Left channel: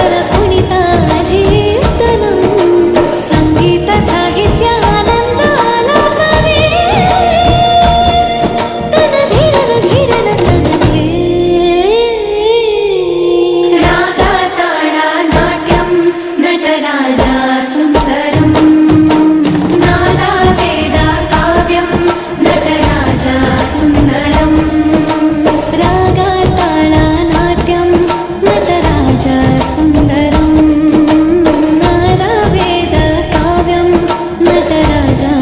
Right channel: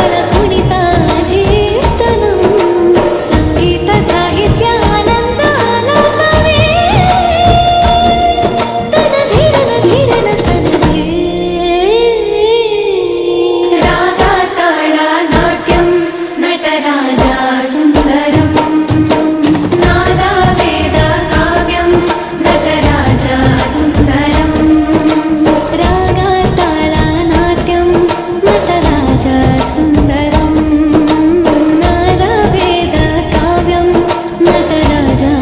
तालबल कुणिताधीर्तनं संगीत साहित्यानन्दालापवे तन धीरन धीरन तनगे रागा ताळा नाट्यं नटराजा सुन्दरं नादा वेद काव्यं नटराजा सुन्दरं रागा ताळा नाट्यं नटराजा सुन्दरं नादा वेद काव्यं नटराजा